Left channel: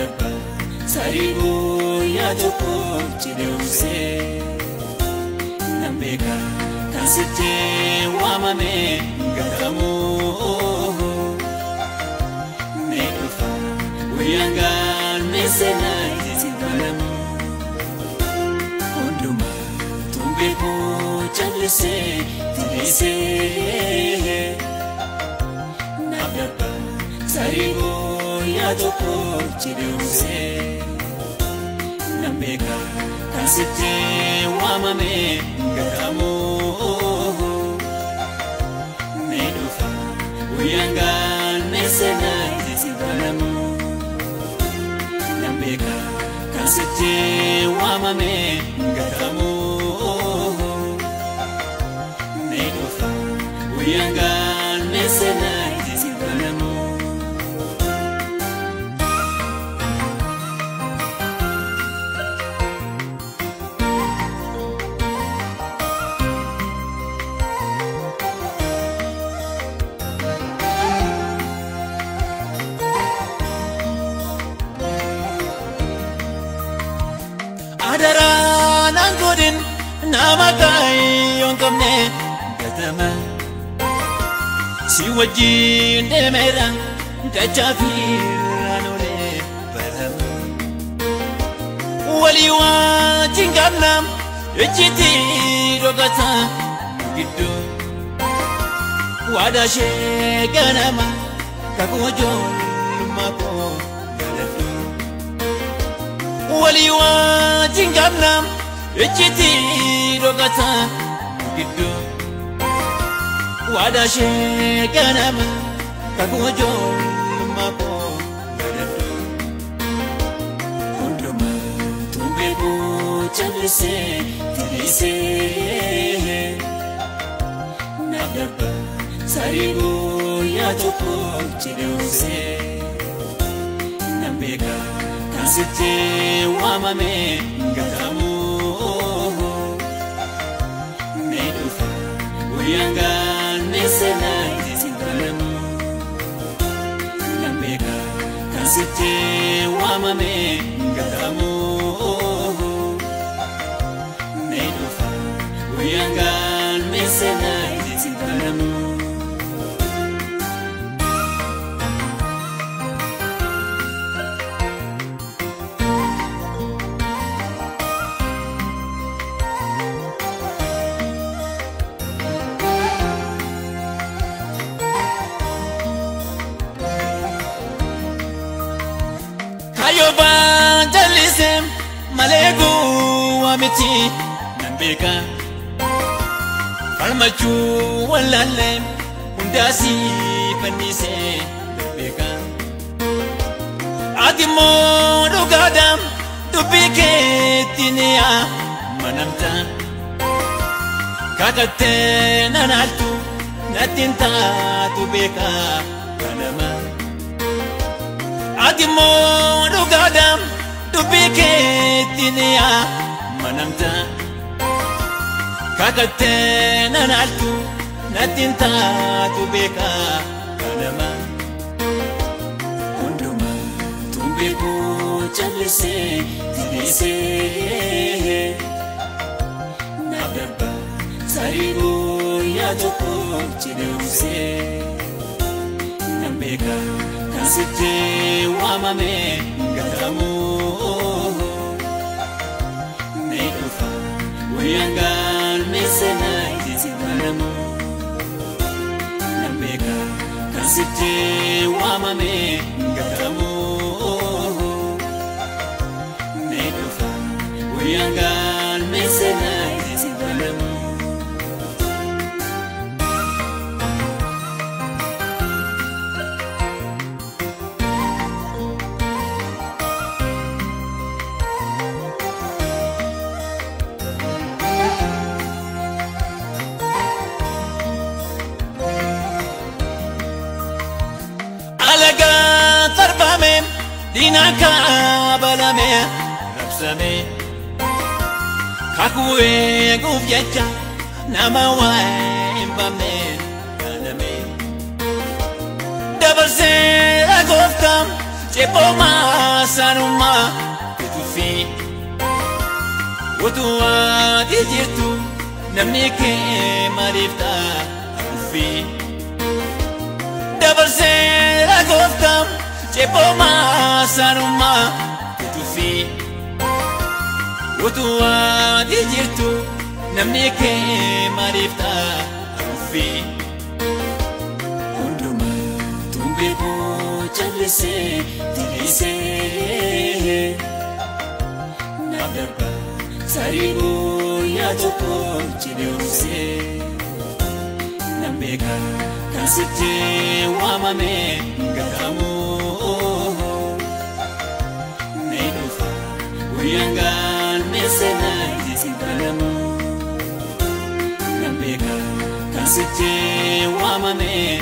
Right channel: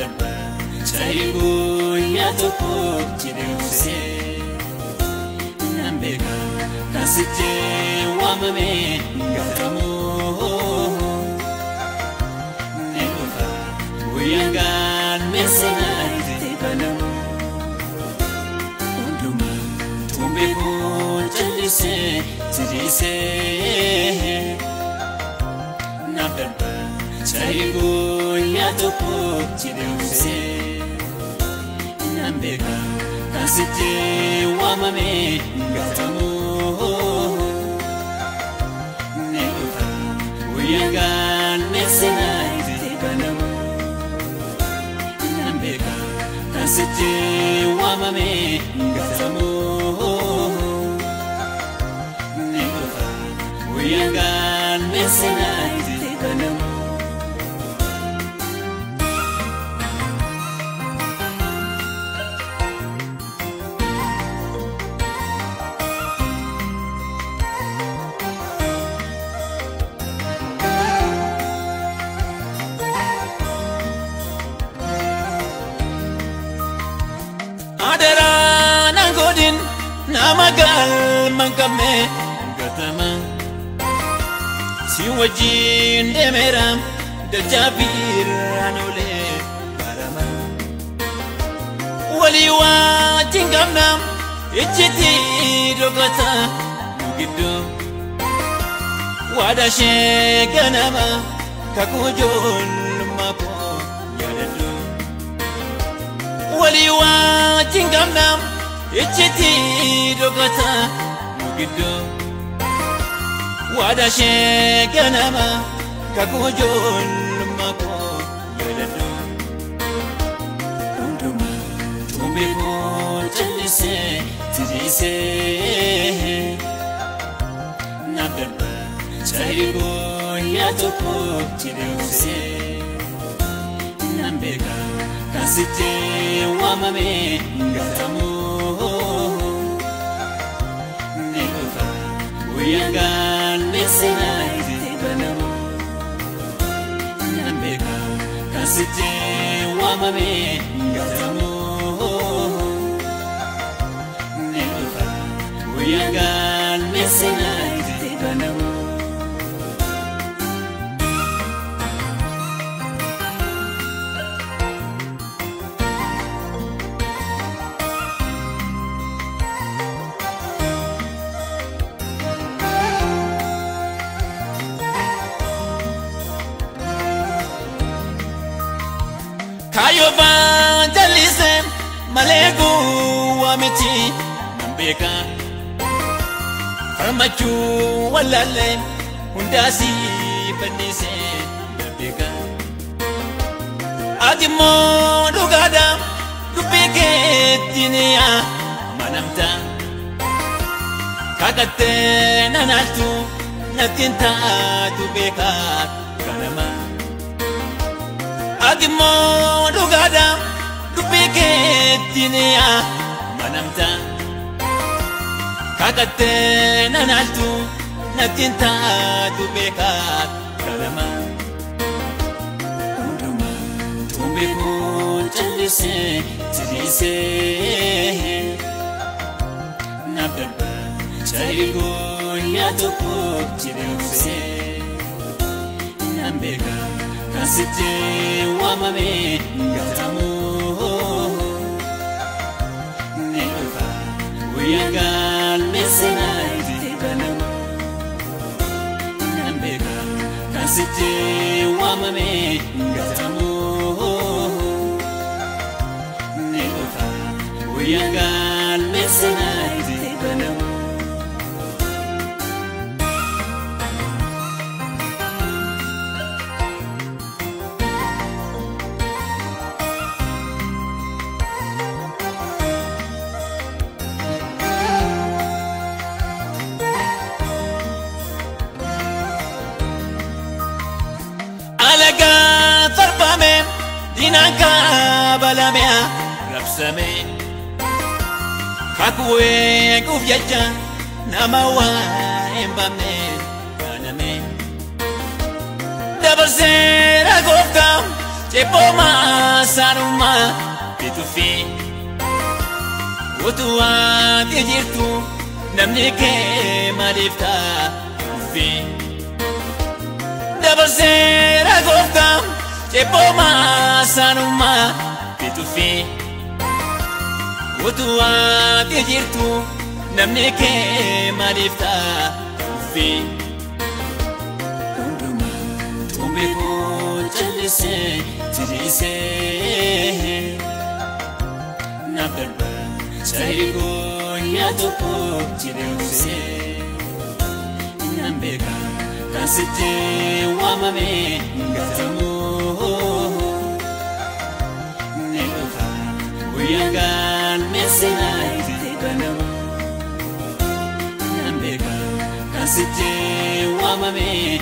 Naberba Saigo Yatuko Chiduse Nambega Kasite Wamame Gatamu Negofa Uyangan Mesena Tibalamu Unduma Tumbiku Chalise Tidise Naberba Saigo Yatuko Chiduse Nambega Kasite Wamame Gatamu Negofa Uyangan Mesena Tibalamu Nambega Kasite Wamame Gatamu Negofa Uyangan Mesena Tibalamu Adara nangodin namagai pangkame gatama siwaji nemeram dajavir barama waliwa tinganam echiti rogata mugido wadashe ganama kakujol mako yadadu waliwa tingana echiti rogata mugido wadashe ganama kakujol mako yadadu unduma tubegu chalise tilise naberba saigo yatuko chiduse nambega Kasite Wamame Gatamu Negofa Uyangan Mesena Tibalamu Nambega Kasite Wamame Gatamu Negofa Uyangan Mesena Tibalamu Evangelism, Malegu, Amiti, Nambega, Almachu, Walale, Undasi, Penise, Nambega, Adimo, Lugadam, Tupike, Tinia, Manamta, Kakate, Nanatu, Natinta, Tubeka, Panama. Adimo Lugadam Tupike Tinia Manamta Kakate Nanatu Natinta Tubeka Kanama Unduma Tumbiku Chalise Tilise Naberba Saigo Yatuko Chiduse Nambega Kasite Wamame Gatamu Negofa Uyangan Mesena Tibalamu Nambega Kasite Wamame Gatamu Negofa Uyangan Mesena Tibalamu Dinaka balamea rapsame Kakue gufyeja namawa imbame kaname Dabasir agogam Jeboma sanuma bitufi Utua tejirtu namni ke marifta fi Dabarsera gogam Jeboma sanuma bitufi Utua tejirtu namni ke marifta fi Unduma tumbiku chalise tilise Naberba saigo yatoko chiluse Nambeka kasite wamame gatamu Nedufa uyangal mesena itikadamu Nambeka kasite wamame